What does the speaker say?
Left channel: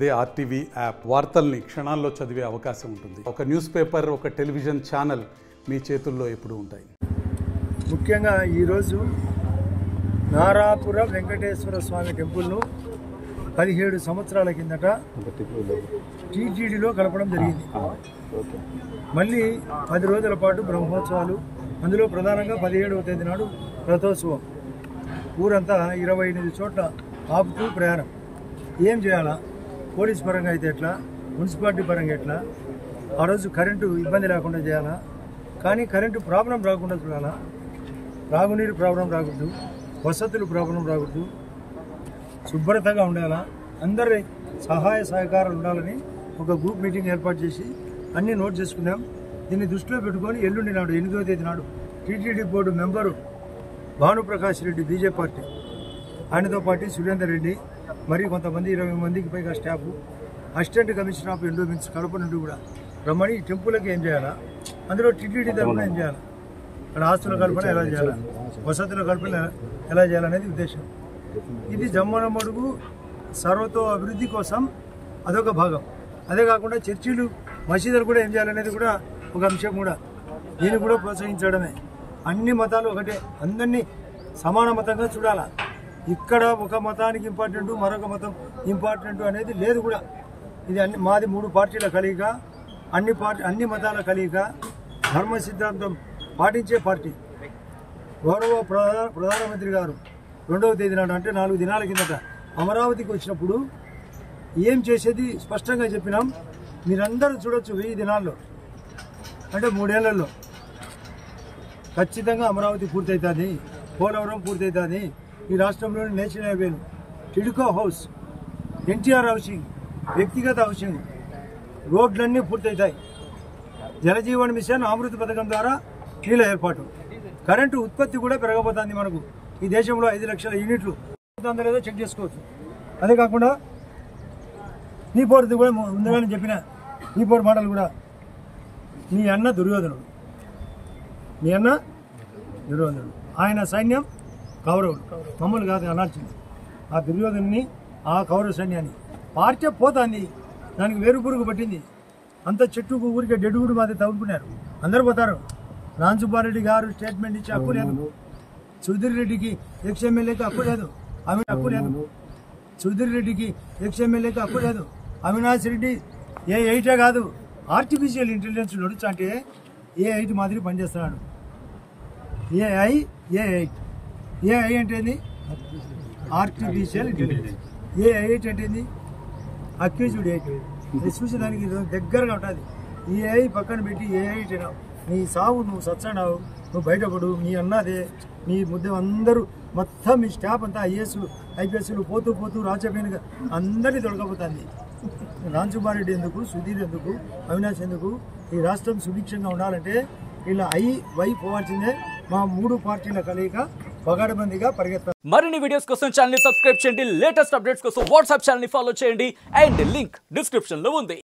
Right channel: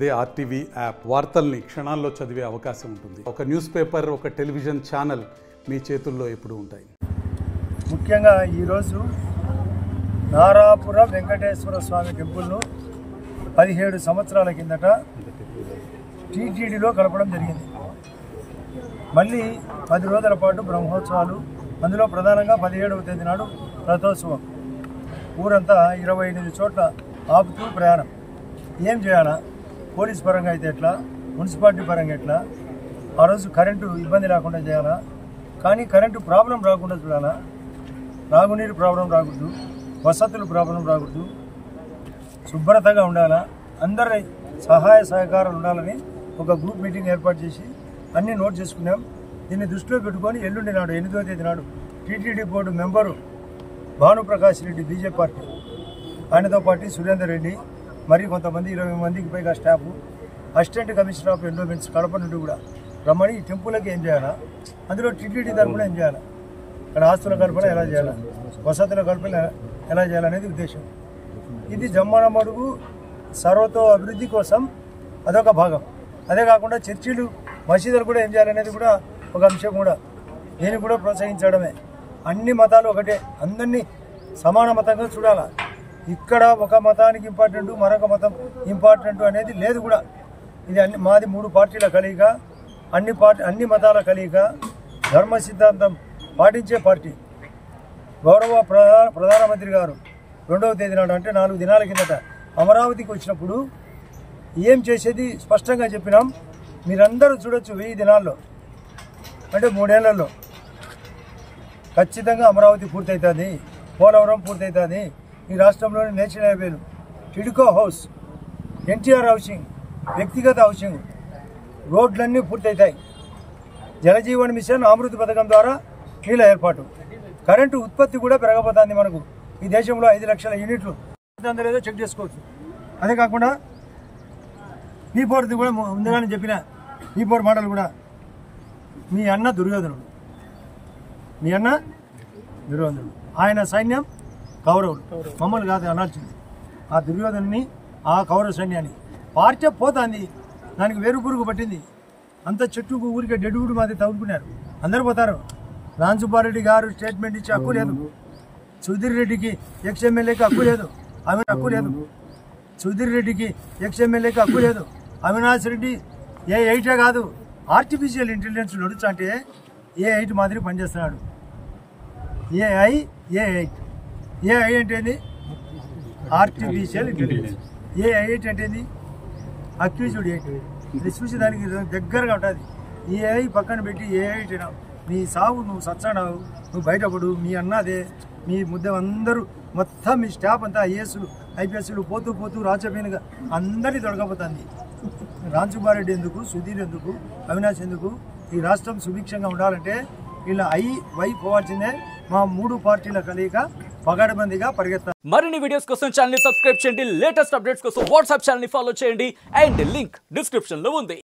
అదే RTV app వార్తల్ని క్షణాల్లో చదివే అవకాశం ఉంటుంది. ఒక న్యూస్ పేపర్, ఒక టెలివిజన్ ఛానల్ మీ చేతుల్లో ఎప్పుడూ ఉంటాయి. ముఖ్యంగా ఈరోజు నారాపుర వెంకటేశ్వర స్వామి టెంపుల్ను 17 సంవత్సరాల కిందట టీటీడీలో కలపడం జరిగింది. మళ్ళీ 10 రోజుల పాటు బ్రహ్మోత్సవాలు, అందులో ప్రధానంగా 17వ తేదీ నాడు రథోత్సవం. ఊరంతా 28 చోట్ల ఆపుతూ ప్రయాణం. ఏం చేయాలా? పోలీస్ పరంగా అయితే ఎట్లా, మున్సిపాలిటీ పరంగా ఎట్లా, ఆ రోజు కరెంటు ఇబ్బంది లేకుండా చేయాలా, కానీ కరెంటు ప్రాబ్లం రాకుండా చూడాలా, తాగునీరు ప్రాబ్లం రాకూడదు, వసతులు ప్రాబ్లం రాకూడదు, శుభ్రతగా ఉండాలా, అందరి సహాయ సహకారాలు ఉండాలని ఒక గ్రూప్ మీటింగ్ ఏర్పాటు చేసి అన్నీ నోట్ చేసుకున్నాం. దీన్ని దృష్టిలో పెట్టుకొని ఎల్లుండి నాడు 8వ తేదీ నాడు TTD board member Bhanuprakash Reddy BJP party, ఆయనతో పాటు సురేందర్ రెడ్డి, మరి కొంతమంది 20 మందికి పైగా staff, assistant commissioner of endowments Kadapa నుండి కూడా రమ్మని ఈ టెంపుల్కి ఏం చేయాలా, అందులో టీటీడీ తరఫున ఏం చేయాలా, ఇక్కడ ఆస్తుల కల్పన ఎలా చేయాలా, వసతుల కల్పన ఎలా చేయాలనేది ఉద్దేశం. ఇది జమ్మనమడుగు సర్వతో అభివృద్ధి కోసం అదొక భాగం. అదే కాకుండా చర్చిలు, మసీదులు కూడా ఏం చేయాలనేది కూడా ఒక అంశం. కూడా దీన్ని కూడా ప్రోత్సహించడమే. అన్ని మతాలు ఒకటే, అందరినీ సమాన మతంగా చూడాలా. ఇక్కడ ఒక మతానికి ఇంపార్టెంట్, మరొక మతం ఇంపార్టెంట్ అనేది లేదు కూడా. ఇది మాది 3 పార్టీల కలయిక, అన్ని మతాల కలయిక, ధర్మ సిద్ధాంతం పాటించే పార్టీ. గౌరవ ప్రధానమంత్రి గారు 2వ తేదీ నాడు, అంటే 4 దినాల కిందట అమరావతికి వచ్చినప్పుడు ఏం చేసేది స్పష్టంగా చెప్పినాం. మీరందరూ చూడొచ్చు, 1000 దినాల్లో అంటే 3 ఏళ్లలో ఖచ్చితంగా అమరావతి పూర్తవుతుంది, పోలవరం పూర్తవుతుంది, ఈ రాష్ట్రంలోని నేషనల్ హైవేలు, టిడ్కో హౌస్, ఎన్టీఆర్ హౌసింగ్, వ్యక్తిగత హౌసింగ్, రోడ్లన్నీ పూర్తవుతాయి. జలజీవన్ మిషన్, అమృత పథకం ద్వారా నీళ్ళ ఏర్పాటు, కరెంటు ఉత్పత్తి కూడా పెరగబోతుంది. మనకు ఈ దేశంలో 5 లక్షల యూనిట్లు లేదో చెక్ చేసుకోవచ్చు. అదే కాకుండా నీ పోరుది కూడా ముందుగానే చెప్పిన నీ పోరు మాటలు కూడా, మీ అన్న దుర్యోధనుడు, మీ అన్న దుర్యోధనుడు, ఆయన సైన్యం కౌరవులు, మమ్మల్ని కాదు అనాల్సింది. ఆ దుర్యోధనుని, ఆ కౌరవ సైన్యాన్ని పార్టీ పోతుంది, దానికి వేరు పురుగు పట్టింది. అంత చెట్టుకు ఊరికే డెడ్గుడు మాది తగులుకున్నారు, అందరు పోతారు. రాంసుబ్బారెడ్డి గారు స్టేట్మెంట్ ఇచ్చి హక్కు లేదు, సుధీర్ రెడ్డికి ఎక్స్ఎమ్మెల్యేకి హక్కు లేదు, ఆమె హక్కు లేదు, సుధీర్ రెడ్డికి ఎక్స్ఎమ్మెల్యేకి హక్కు లేదు. అవినాష్ రెడ్డి ఏ8 కాదు, ఆర్టిఫిషియల్ ఇంటెలిజెన్స్ నడుచు అంటే ఏ8 మాదిరి పనిచేస్తున్నాడు. ఏ8 అంటే ఆర్టిఫిషియల్ ఇంటెలిజెన్స్, ఏ8 అంటే అక్యూజ్డ్ 8. ఇది చూసి దానికి దగ్గరగా ఉంటుంది. ఈ ఏఐ పక్కన పెట్టి ఏ8 నీ సావు, నువ్వు సచ్చానావు, నువ్వు బయటపడు, మీ అన్నదే, మీ ముద్ద అందరూ మొత్తం మీ స్టాఫ్ అంతా ఐఏఎస్లు ఐపీఎస్లు పోతూ పోతూ రాచపేనుగా అందరినీ దొరకపోతుంది. రాంసుబ్బారెడ్డి ఎందుకు, సుధీర్ ఎందుకు, అవినాష్ ఎందుకు? ఈ రాష్ట్రం సుభిక్షంగా ఉండాలంటే ఇలా వై పోవాల్సిందే. మా 3 పార్టీల కలయిక పగడబందిగా పరిగెత్తారు. మరిన్ని వీడియోస్ కోసం ఛానల్ ని సబ్స్క్రైబ్ చేయండి, లేటెస్ట్ అప్డేట్స్ కోసం వాట్సాప్ ఛానల్ ని ఫాలో చేయండి, అండ్ లింక్ డిస్క్రిప్షన్ లో ఉంది.